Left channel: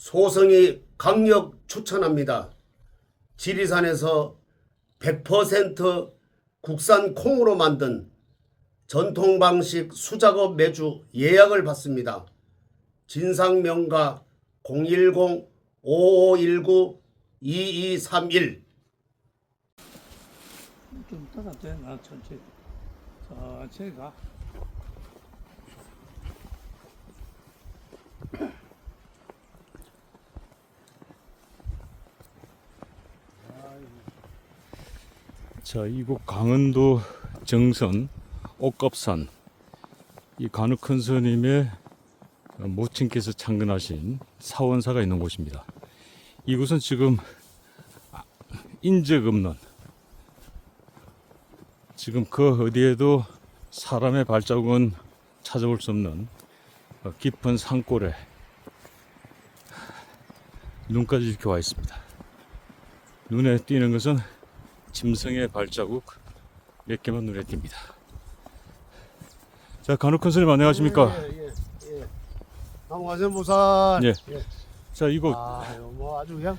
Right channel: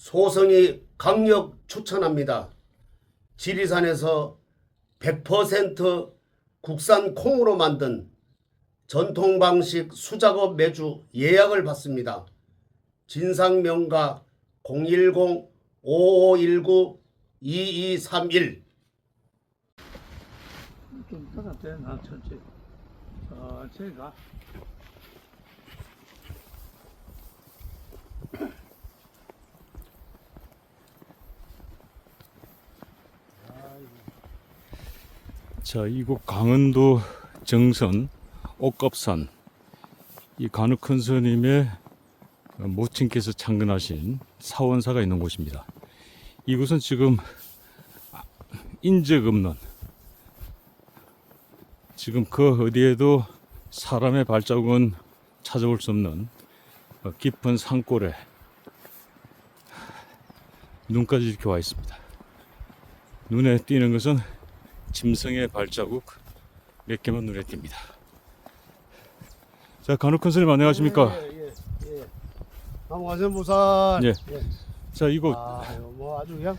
소성이 강력 추천합니다. 지리산에서 100% 국산 콩으로 만든 전통 방식 수작업 매주 예약을 받습니다. 진상명가 010-5519-2231 좀 따뜻해 나 천천히 천천히 가 자, 이곳 강원도 정선 옥갑산 이 간혹 큰 스님의 모친께서 창건하신 사원사가 있는 곳입니다. 이곳은 지금 인적 없는 지금 그 어디에도 사람의 발자국은 찾아볼 수 없는 어, 깊은 산골에 눈까지 이렇게 와 있습니다. 눈에 띄는 것은 짐승의 발자국 몇 개만 눈에 띕니다. 자, 간혹 큰 스님 안녕하십니까? 예, 예, 예. 남과선보살 예. 자, 이곳 아유 뭐 아주 그냥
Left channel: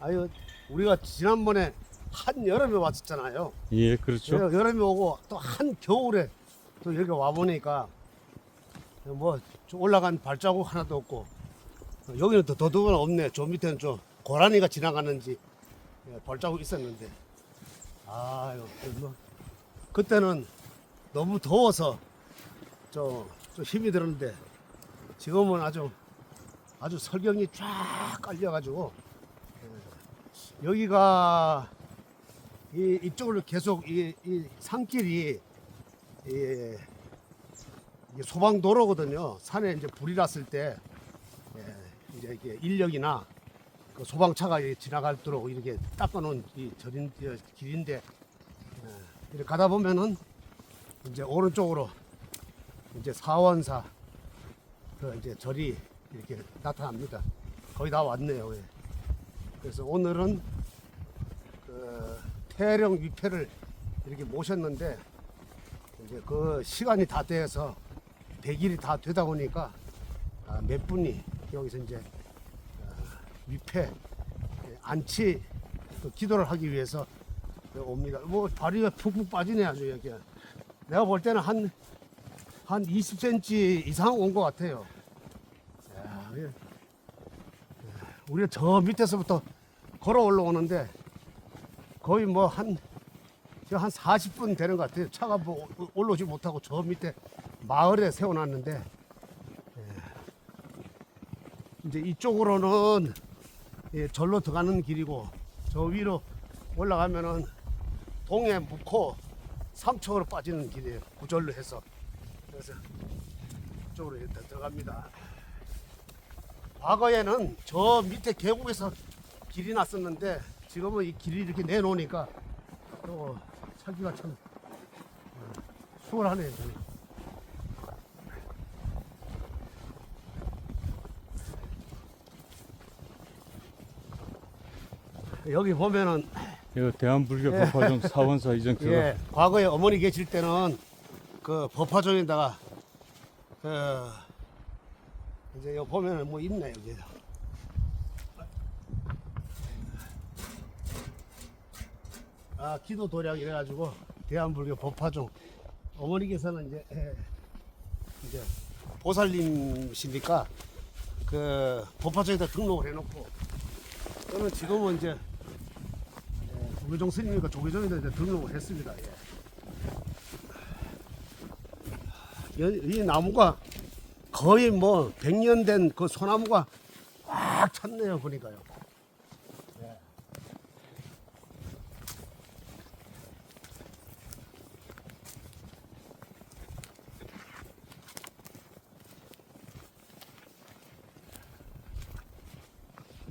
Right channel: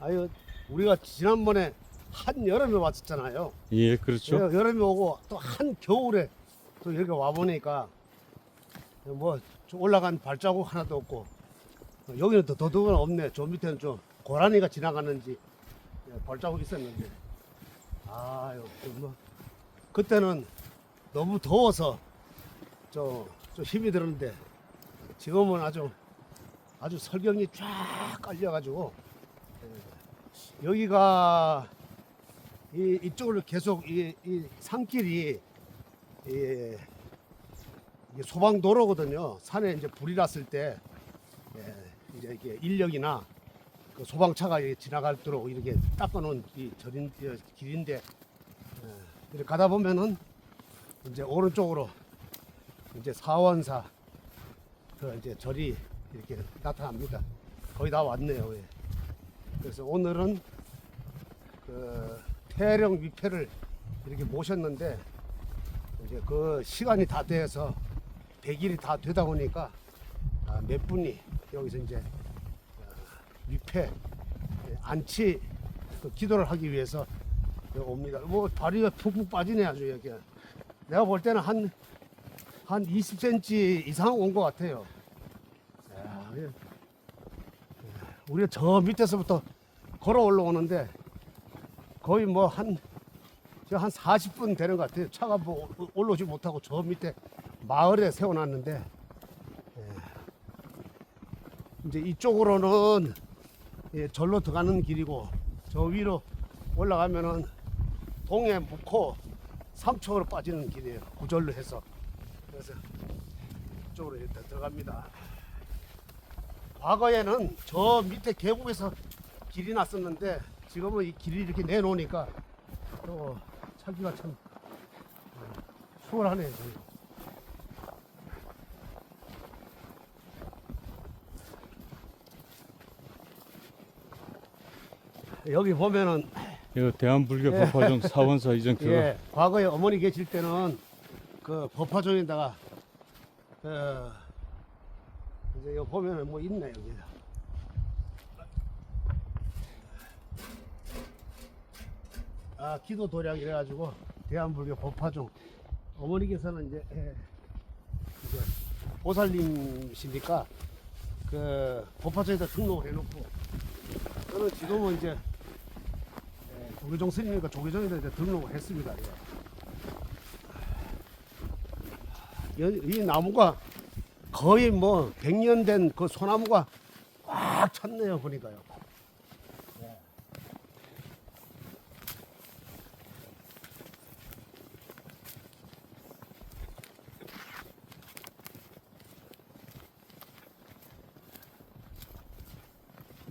아유 우리가 지난번에 한 여름에 왔었잖아요. 예, 그렇죠. 여- 여름에 오고 또 한 겨울에 또 이렇게 와 보니까 뭐저 올라간 발자국 하나도 없고 여기는 또 더더군 없네. 저 밑에는 좀 고라니가 지나가는지 예, 발자국 있었는데 아유 뭐 그때는 너무 더워서 좀, 좀 힘이 들었는데 지금은 아주 아주 설경이 쫙 깔려가지고 예, 여기가 이, 이쪽으로 계속 이, 이 산길이 이, 이게 소방도로거든요. 산에 이제 불이 났을 때 예, 이제 이게 인력이나 그 소방차가 지나갈도록 이렇게 닦아놓은 이 절인 이 길인데 예, 이렇게 가다 보면은 이제 오른쪽으로 이제 사원사 그 이제 절이 이렇게 나타납니다. 거의 다 왔네요. 예. 그래서 오늘은 그 태령 위패를 이렇게 모셨는데 이제 그 시간이 다 돼서 100일이 다 되다 보니까 아, 몇 분이 여기서 이제 어, 위패 예, 안치 그 기도를 하기 위해서 옵니다. 뭐 발이 푹푹 빠지네 아주 여기. 내가 볼 때는 한 한 20cm 이상 온 것 같아요. 야, 이게, 예, 우리가 저 밑에서부터 걸어 올라오는데 거의 뭐 한 한 40분 되는 것 같아요. 차가 뭐 올- 올라오지 못하고 저 밑에 마을에 세워놨는데 예. 이제 이쪽으로는 예, 절로 들어가는 길이고 저 위로 올라가면은 동해 묵호 삼척으로 빠지는 길이에요. 구절로 해서 그래서 이쪽으로 일단 들어갑니다. 과거에는 저 밑에 계곡에서 길이 났었는데 지금은 이 길이 이렇게 내놓으니까 또 찾기가 참 어, 수월하네요. 여기 보면은 이거 대한불교 예. 법화정 사원사 이전 그거 예, 과거에 어머니 계실 때는 그 법화종에다가 그 이제 여기 보면은 뭐 있네 여기. 아 기도 도량 이래가지고 대한불교 법화종 어머니께서는 이제 예, 이제 보살님이시니까 그 법화종에다 등록을 해놓고 저는 지금은 이제 예, 조계종 스님이니까 조계종에다 이제 등록을 했습니다. 예. 여- 이 나무가 거의 뭐 100년 된 그 소나무가 꽉 찼네요, 보니까요. 예.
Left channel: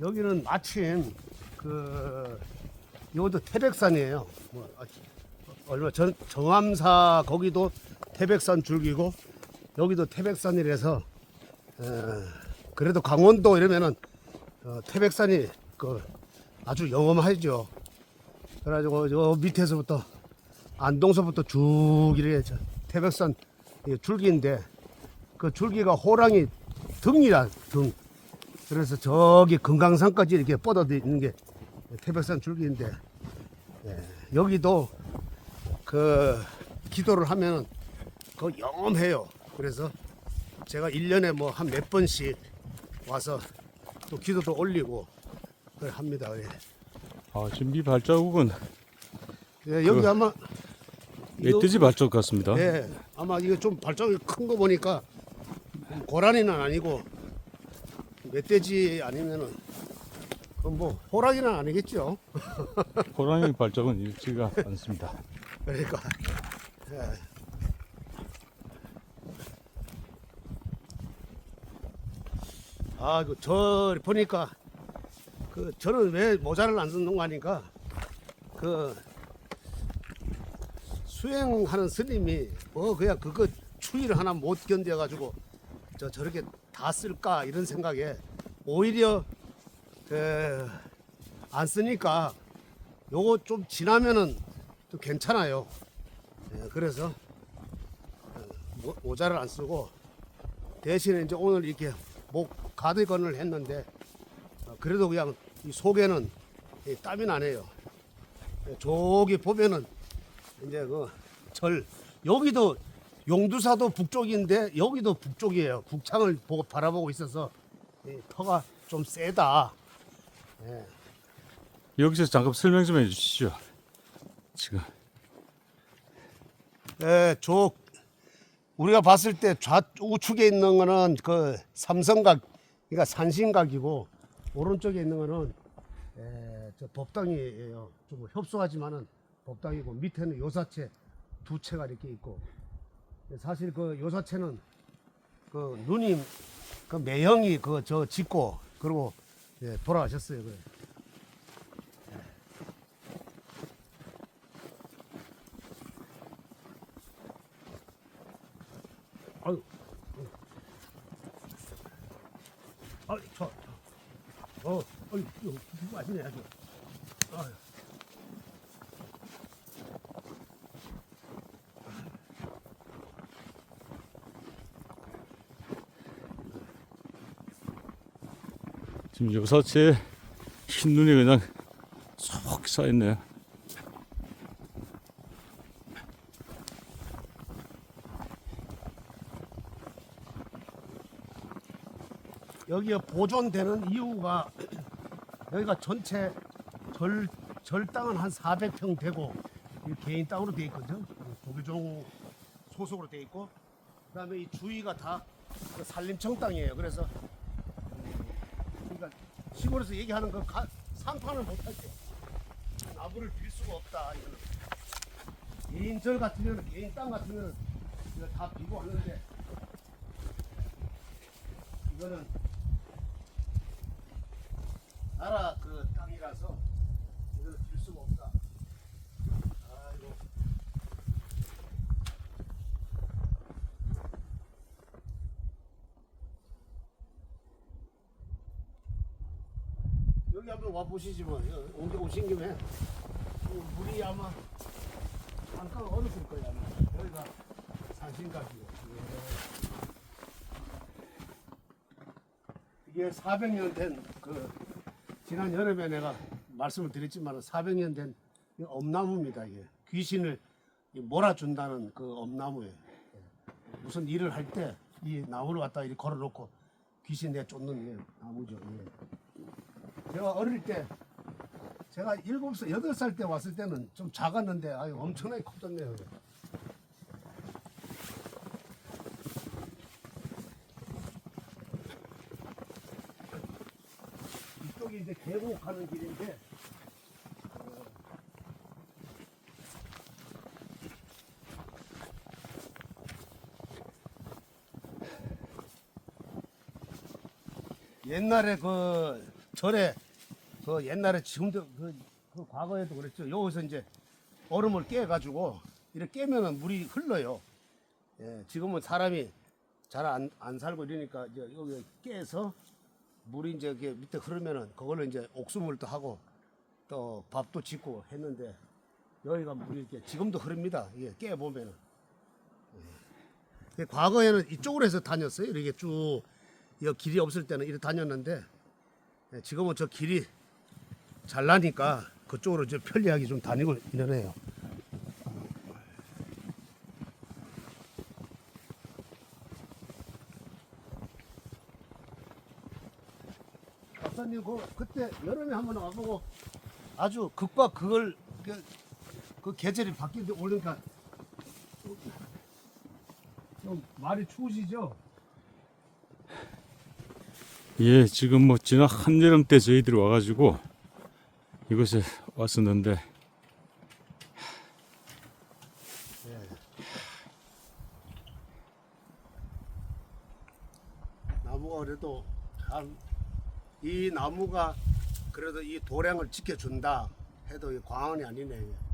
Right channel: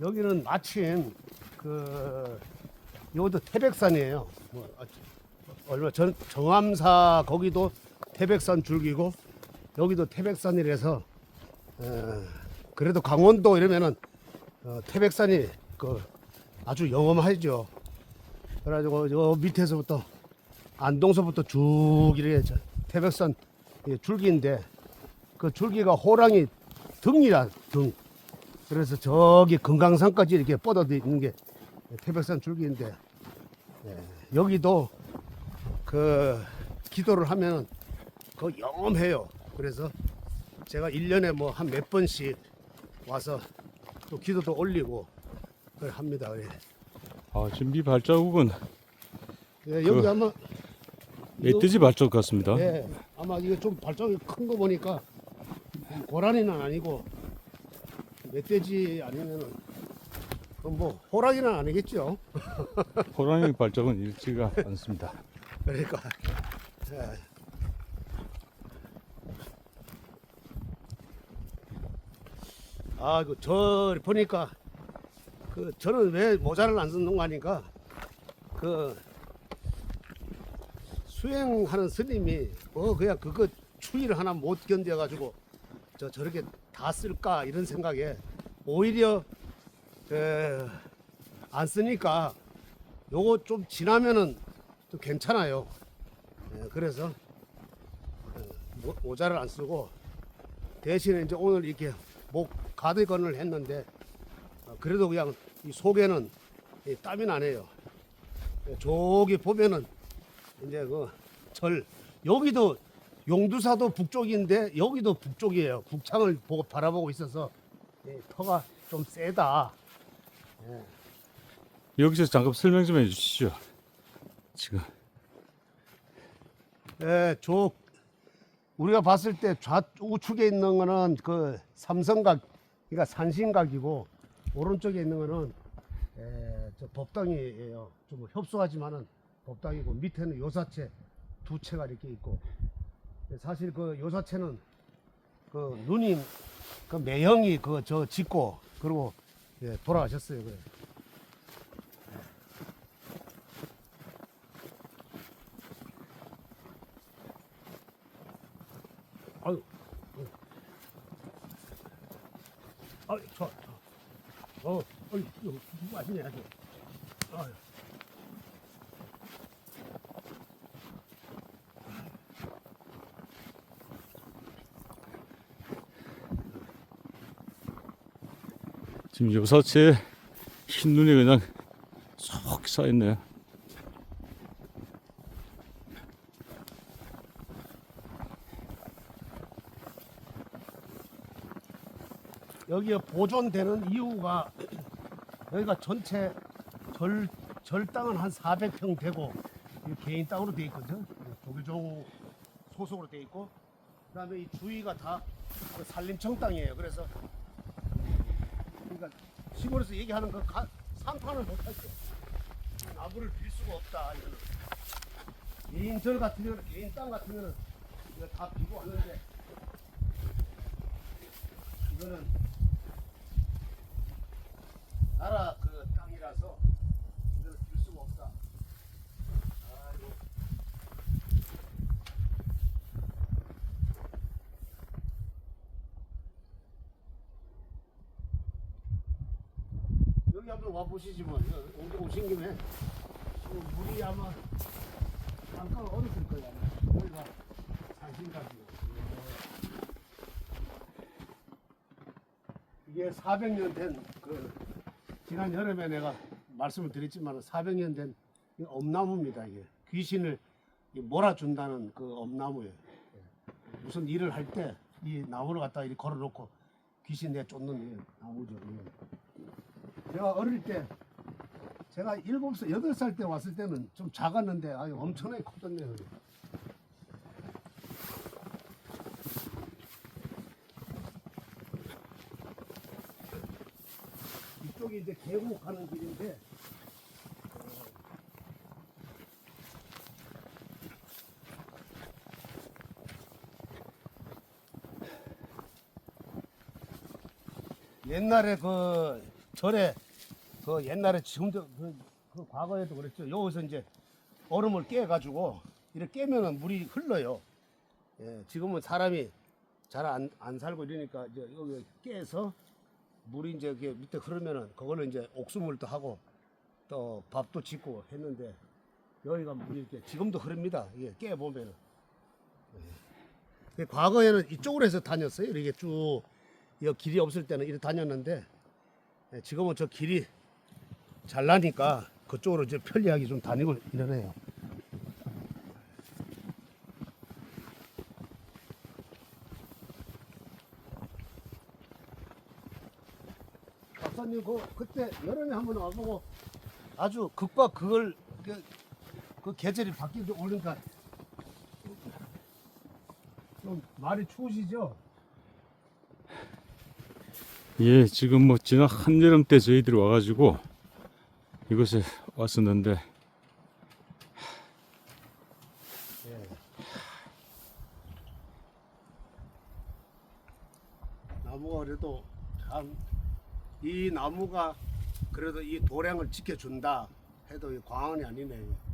여기는 마침 그 여기도 태백산이에요. 뭐 아, 얼마 전 정암사 거기도 태백산 줄기고 여기도 태백산이라서 어, 그래도 강원도 이러면은 어, 태백산이 그 아주 영험하죠. 그래가지고 저 밑에서부터 안동서부터 쭉 이렇게 저 태백산 이 줄기인데 그 줄기가 호랑이 등이라 등. 그래서 저기 금강산까지 이렇게 뻗어져 있는 게 태백산 줄기인데 예, 여기도 그 기도를 하면 그 영험해요. 그래서 제가 1년에 뭐 한 몇 번씩 와서 또 기도도 올리고 그걸 합니다. 예. 아, 이 발자국은 예, 여기 그- 아마 멧돼지 발자국 같습니다. 예, 아마 이거 좀 발자국이 큰 거 보니까 고라니는 아니고 멧돼지 아니면은 뭐 호랑이는 아니겠죠. 호랑이 발자국은 읽지가 않습니다. 그러니까 예. 아, 그 저 보니까 그 저는 왜 모자를 안 쓰는 거 하니까 그 수행하는 스님이 뭐 그냥 그거 추위를 하나 못 견뎌 가지고 저 저렇게 다 쓸까 이런 생각에 오히려 그 안 쓰니까 요거 좀 지나면은 또 괜찮아요. 예, 그래서 어, 모- 모자를 안 쓰고 대신에 이제 오늘 이렇게 목 가디건을 했는데 어, 그래도 그냥 이 속에는 이 땀이 나네요. 예, 저기 보면은 이제 그 절 여기도 용두사도 북쪽인데 여기도 북쪽이에요. 북창을 보고 바라보고 있어서 이 터가 좀 세다. 여기서 잠깐 설명 좀 해주시죠. 지금 예, 저 우리가 봤을 때 좌우측에 있는 거는 그 삼성각, 그러니까 산신각이고 오른쪽에 있는 거는 예, 저 법당이에요. 좀 협소하지만은 법당이고 밑에는 요사체 두 채가 이렇게 있고 사실 그 요사체는 그 누님 그 매형이 그 저 짓고 그리고 예, 돌아가셨어요. 그래. 아유, 아유, 저, 저, 어, 어이, 이거 아시네, 아주. 아유. 지금 요사체 흰 눈이 그냥 쏙 쌓였네요. 여기에 보존되는 이유가 여기가 전체 절, 절 땅은 한 400평 되고 이 개인 땅으로 돼 있거든. 도교종 소속으로 돼 있고 그다음에 이 주위가 다그 산림청 땅이에요. 그래서 그러니까 시골에서 얘기하는 그 가, 상판을 못 하죠. 나무를 빌 수가 없다. 이거는. 개인 절 같으면 개인 땅 같으면 이거 다 비고 하는데 이거는 나라 그 땅이라서 이걸 빌 수가 없다. 아이고. 여기 한번 와 보시지 뭐. 여- 언제 오신 김에 어, 물이 아마 잠깐 얼었을 거야. 아마. 여기가 산신각이요. 이게 400년 된 그 지난 여름에 내가 말씀을 드렸지만 400년 된이 엄나무입니다. 이게 귀신을 이 몰아준다는 그 엄나무예요. 예. 무슨 일을 할 때 이 나무를 갖다 이렇게 걸어놓고 귀신 내 쫓는 게 나무죠. 예. 제가 어릴 때 제가 일곱 살, 여덟 살 때 왔을 때는 좀 작았는데 아유 엄청나게 커졌네요. 이쪽이 이제 계곡하는 길인데 어, 옛날에 그 절에 그 옛날에 지금도 그, 그 과거에도 그랬죠. 여기서 이제 얼음을 깨가지고 이렇게 깨면은 물이 흘러요. 예, 지금은 사람이 잘안 안 살고 이러니까 이제 여기 깨서 물이 이제 밑에 흐르면은 그걸로 이제 옥수물도 하고 또 밥도 짓고 했는데 여기가 물이 이렇게 지금도 흐릅니다. 이게 깨 보면은. 예. 과거에는 이쪽으로 해서 다녔어요. 이렇게 쭉, 이 길이 없을 때는 이렇게 다녔는데, 예, 지금은 저 길이 잘 나니까 그쪽으로 이제 편리하게 좀 다니고 이러네요. 박사님 그 그때 여름에 한번 와보고 아주 극과 그걸 그, 그 계절이 바뀌게 오니까 좀 말이 추우시죠? 예, 지금 뭐 지난 한여름 때 저희들이 와가지고 이곳에 왔었는데 나무가 그래도 참 이 나무가 그래도 이 도량을 지켜준다 해도 이 과언이 아니네.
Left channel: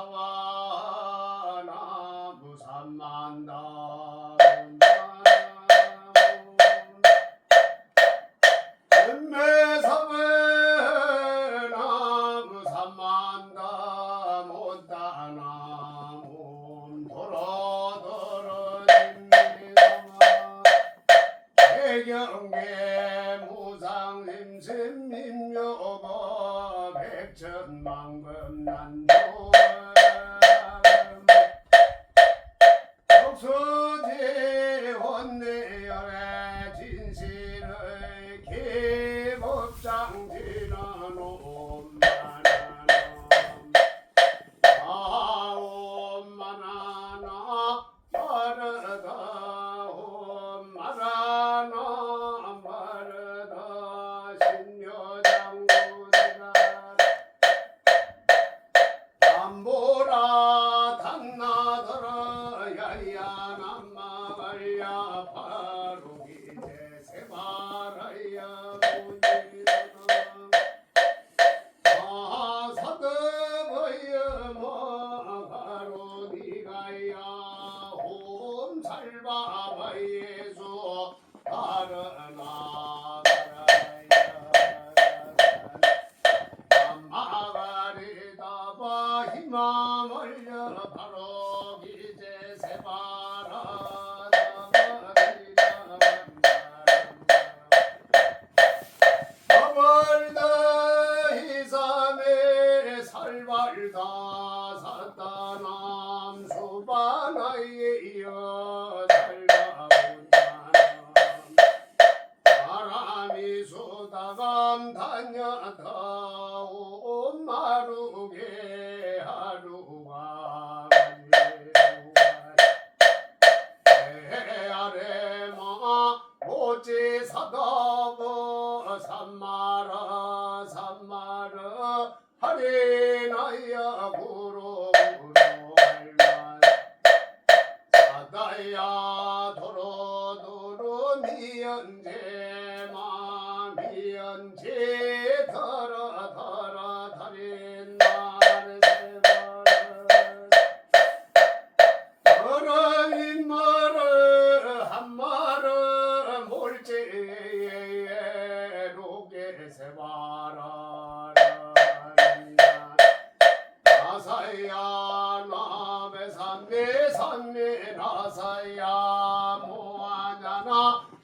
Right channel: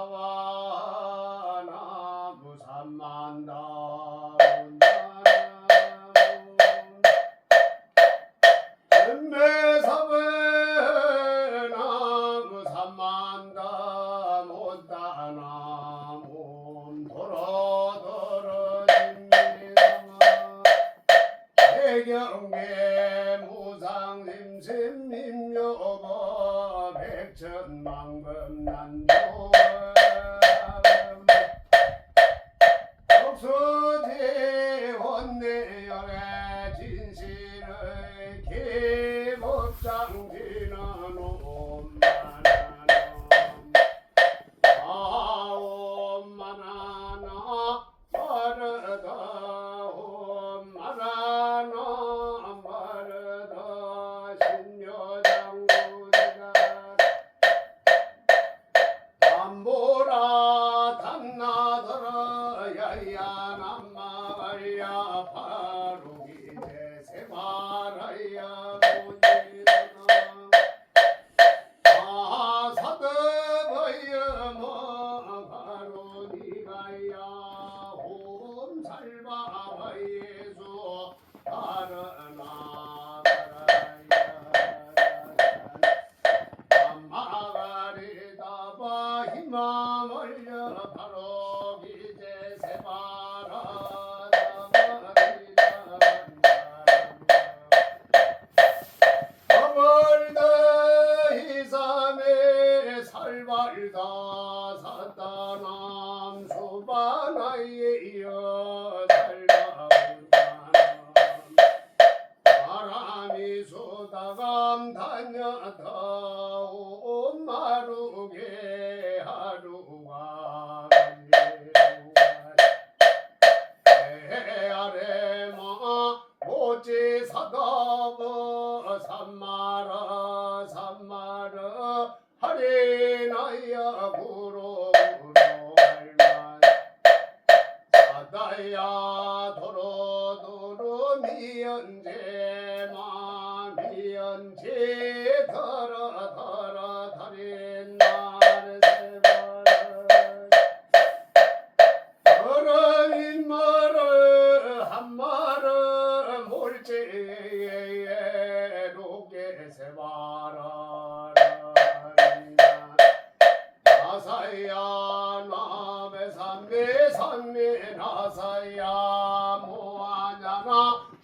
ಭಾವ Muhammad.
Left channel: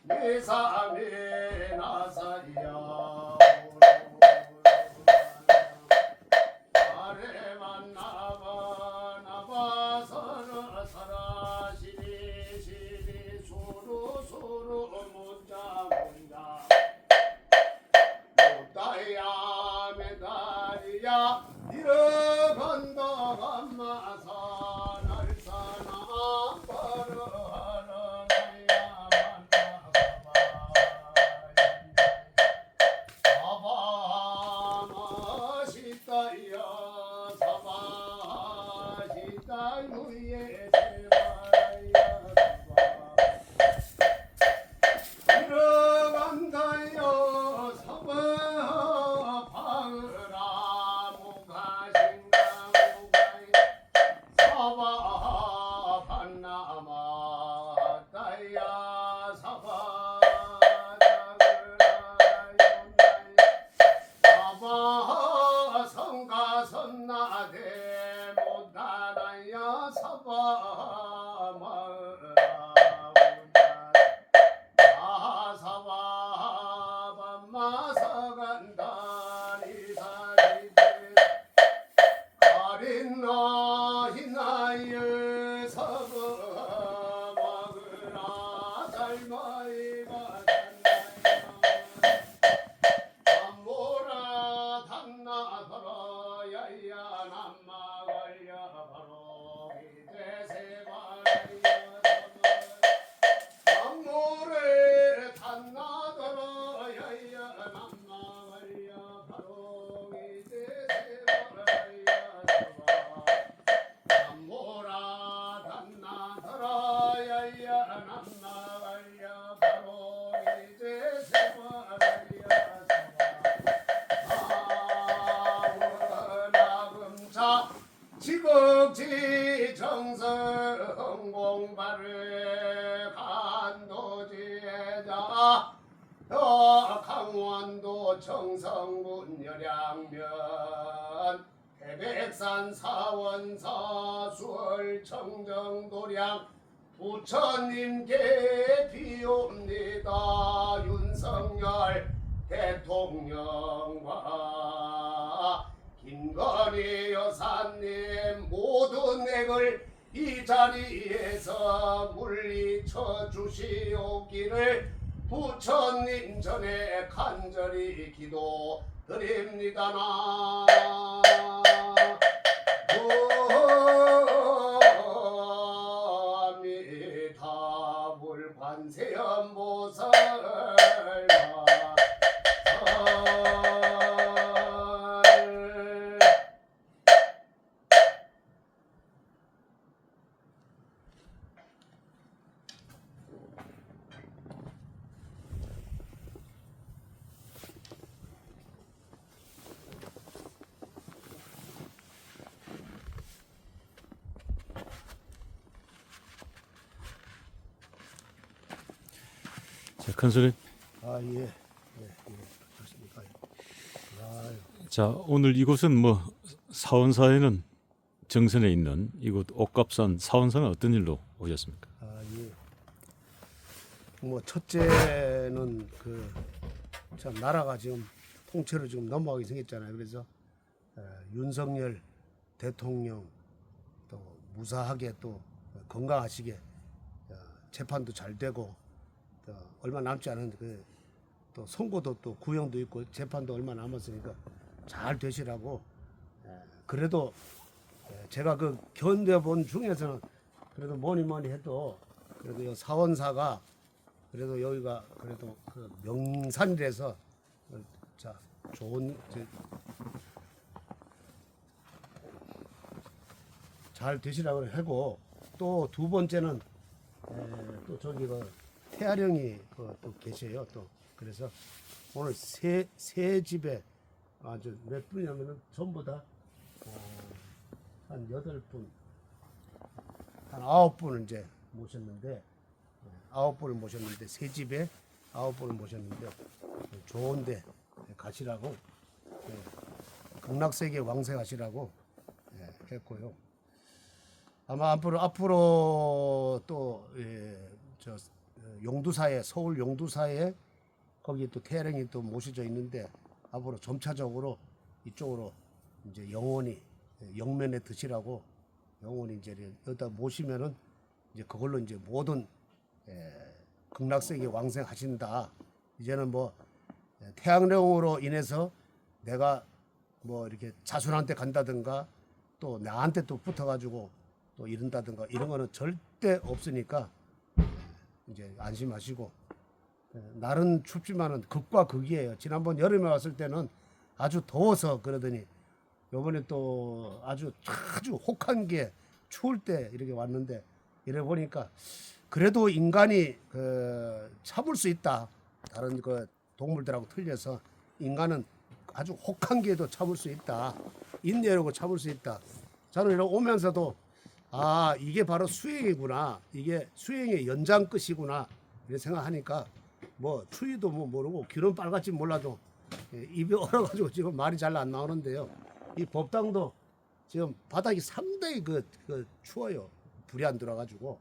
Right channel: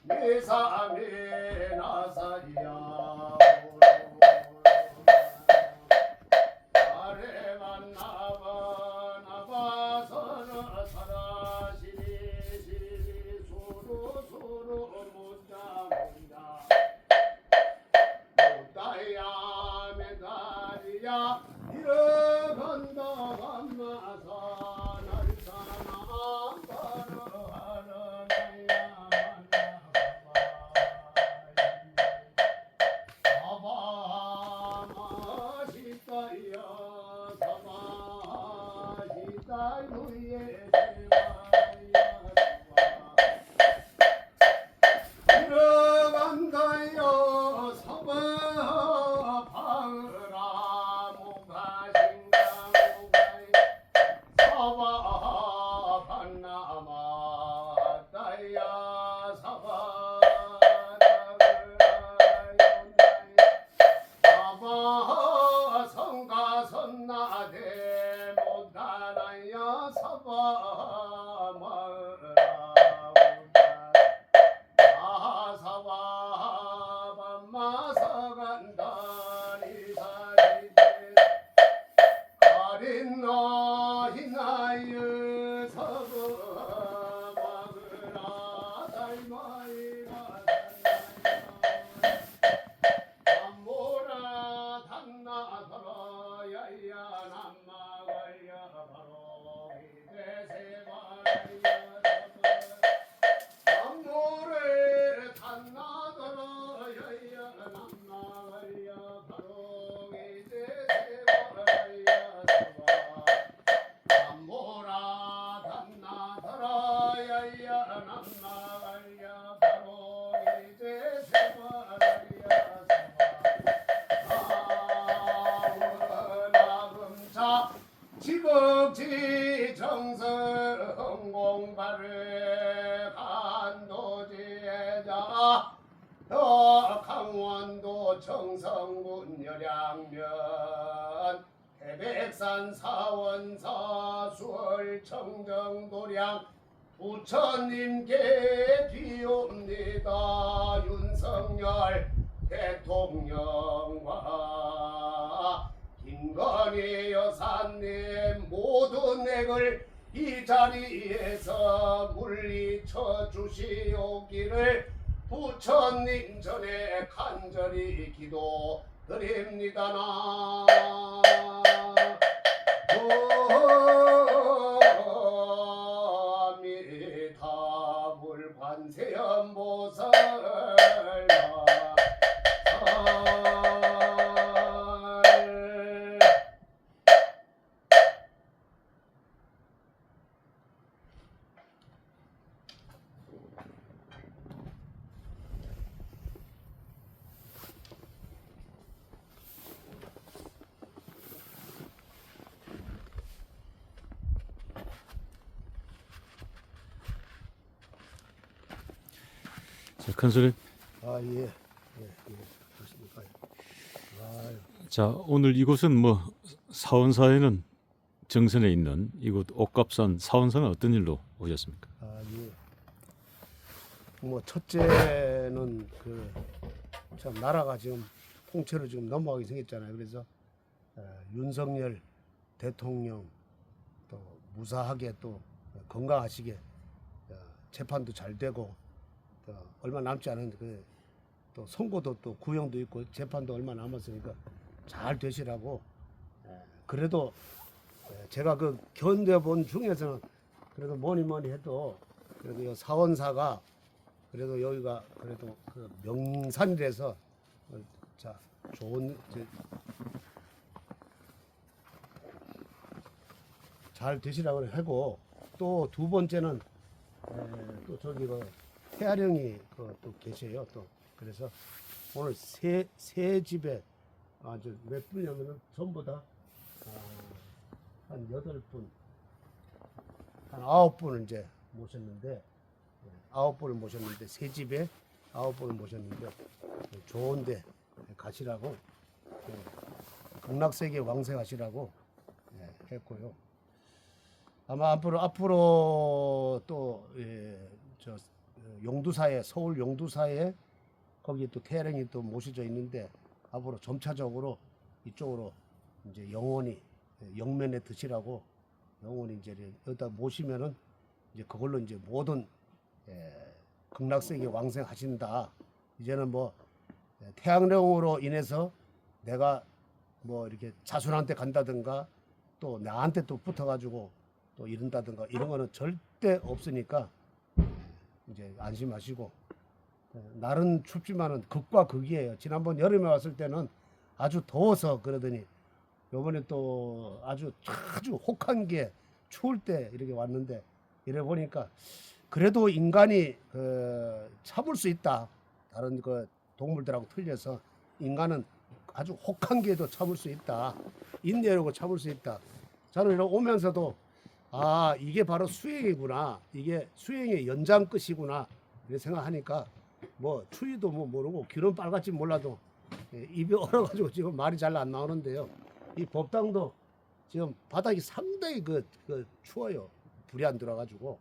삶에 나사야 지극지 정성 공발을 간도지자 더 강원도 청성군 열양면 태백산 사원사 수월 청정도량 부처님께 비옵니다. 윤석열 대통령과 김건희 여사님 모든 액을 이 자리에서 물리쳐 주시옵기를 부처님 전에 간절히 기도 드립니다 나 큰소님. 아 예, 예, 예, 그렇습니까? 아유. 자, 오늘 이곳은 뭐 사원사에는 정선에 있는 이곳 옥갑산 사원사는 어떤 일로 오셨습니까? 아, 예. 뭐 첫째는 그 참 나라가 지금 통째로 지금 넘어가게 생겼잖아요. 그래서 어, 윤석열 대통령 또 무사하게 또 건강하시게 어, 재판도 잘 되고 또 얼마 남지 않은 그또 선고도 또 구형도 있고 재판도 얼마 남았으니까 잘 되시라고. 에, 그래도 에, 제가 그 견뎌본 중에서는 그래도 뭐니 뭐니 해도 그래도 이 사원사가 그래도 여기가 그래도 그 명산이라서 어, 자 좋은 그잘 되시라고 하고 또 두 번째는 에, 또 저기 그 태아령이 그 또 계셔요. 또 그래서 오늘 세, 세 집에 아주 몇 분이냐면은 전부 다 어, 한 여덟 분, 한 아홉 분을 이제 모셨는데 예, 아홉 분을 모셨는데 세 집에 아홉 분을 모셨는데 좋은데 가시라고 예, 극락세계 왕생하시라고 예, 했고요. 아마 앞으로 앞으로 또 예, 저 어, 용두사에 서울 용두사에 거기 또 태릉이 또 모셔져 있는데 앞으로 점차적으로 이쪽으로 이제 영원히 예, 영면에 드시라고 영원히 이제 여기다 모시면은 이제 그걸로 이제 모든 예, 극락세계 왕생하신다. 이제는 뭐 예, 태양령으로 인해서 내가 뭐 이렇게 자손한테 간다든가 또 나한테 또 붙어가지고 또 이른다든가 이런 거는 절대 없으니까 예, 이제 안심하시고 예, 날은 춥지만은 극과 극이에요. 지난번 여름에 왔을 때는 아주 더워서 그러더니 요번에 또 아주 아주 혹한 게 추울 때 이렇게 왔는데 이래 보니까 그래도 인간이 그 참을 수 있다. 다른 그 동물들하고 틀려서 인간은 아주 혹한 게도 참을 수 있다. 인내하고 참을 수 있다. 저는 이렇게 오면서도 아 이게 바로 수행이구나. 이게 수행의 연장 끝이구나. 이렇게 생각하니까 뭐 추위도 뭐 모르고 귀는 빨갛지 몰라도 예, 입이 얼어가지고 지금 말이 잘 안 나오는데요. 이 법당도 지금 바닥이 상당히 그, 그 추워요. 불이 안 들어가지고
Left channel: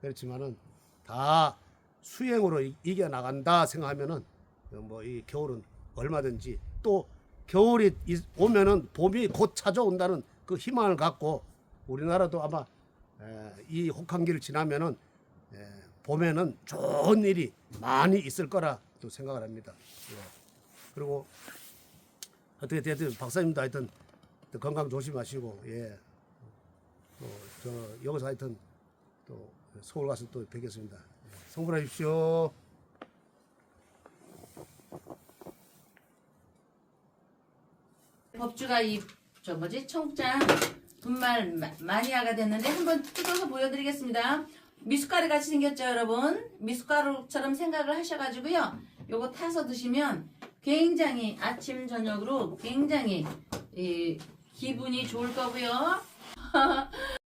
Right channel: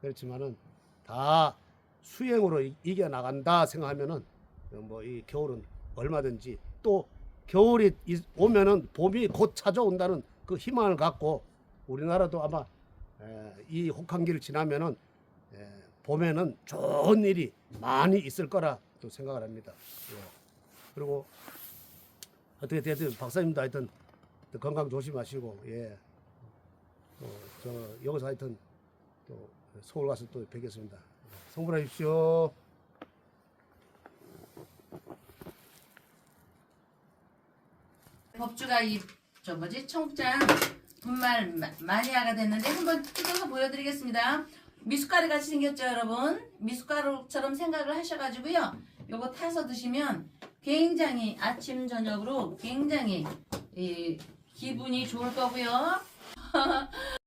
그렇지만은 다 수행으로 이- 이겨 나간다 생각하면은 뭐 이 겨울은 얼마든지 또 겨울이 이- 오면은 봄이 곧 찾아온다는 그 희망을 갖고 우리나라도 아마 에, 이 혹한기를 지나면은 에, 봄에는 좋은 일이 많이 있을 거라 또 생각을 합니다. 예. 그리고 어떻게 됐든 박사님도 하여튼 또 건강 조심하시고 예. 또저 여기서 하여튼 또 서울 가서 또 뵙겠습니다. 예. 성불하십시오. 법주가 이 저 뭐지 청장 분말 마- 마니아가 됐는데 한번 뜯어서 보여드리겠습니다. 미숫가루 같이 생겼죠, 여러분? 미숫가루처럼 생각을 하셔가지고요. 요거 타서 드시면 굉장히 아침 저녁으로 굉장히 이 기분이 좋을 거고요.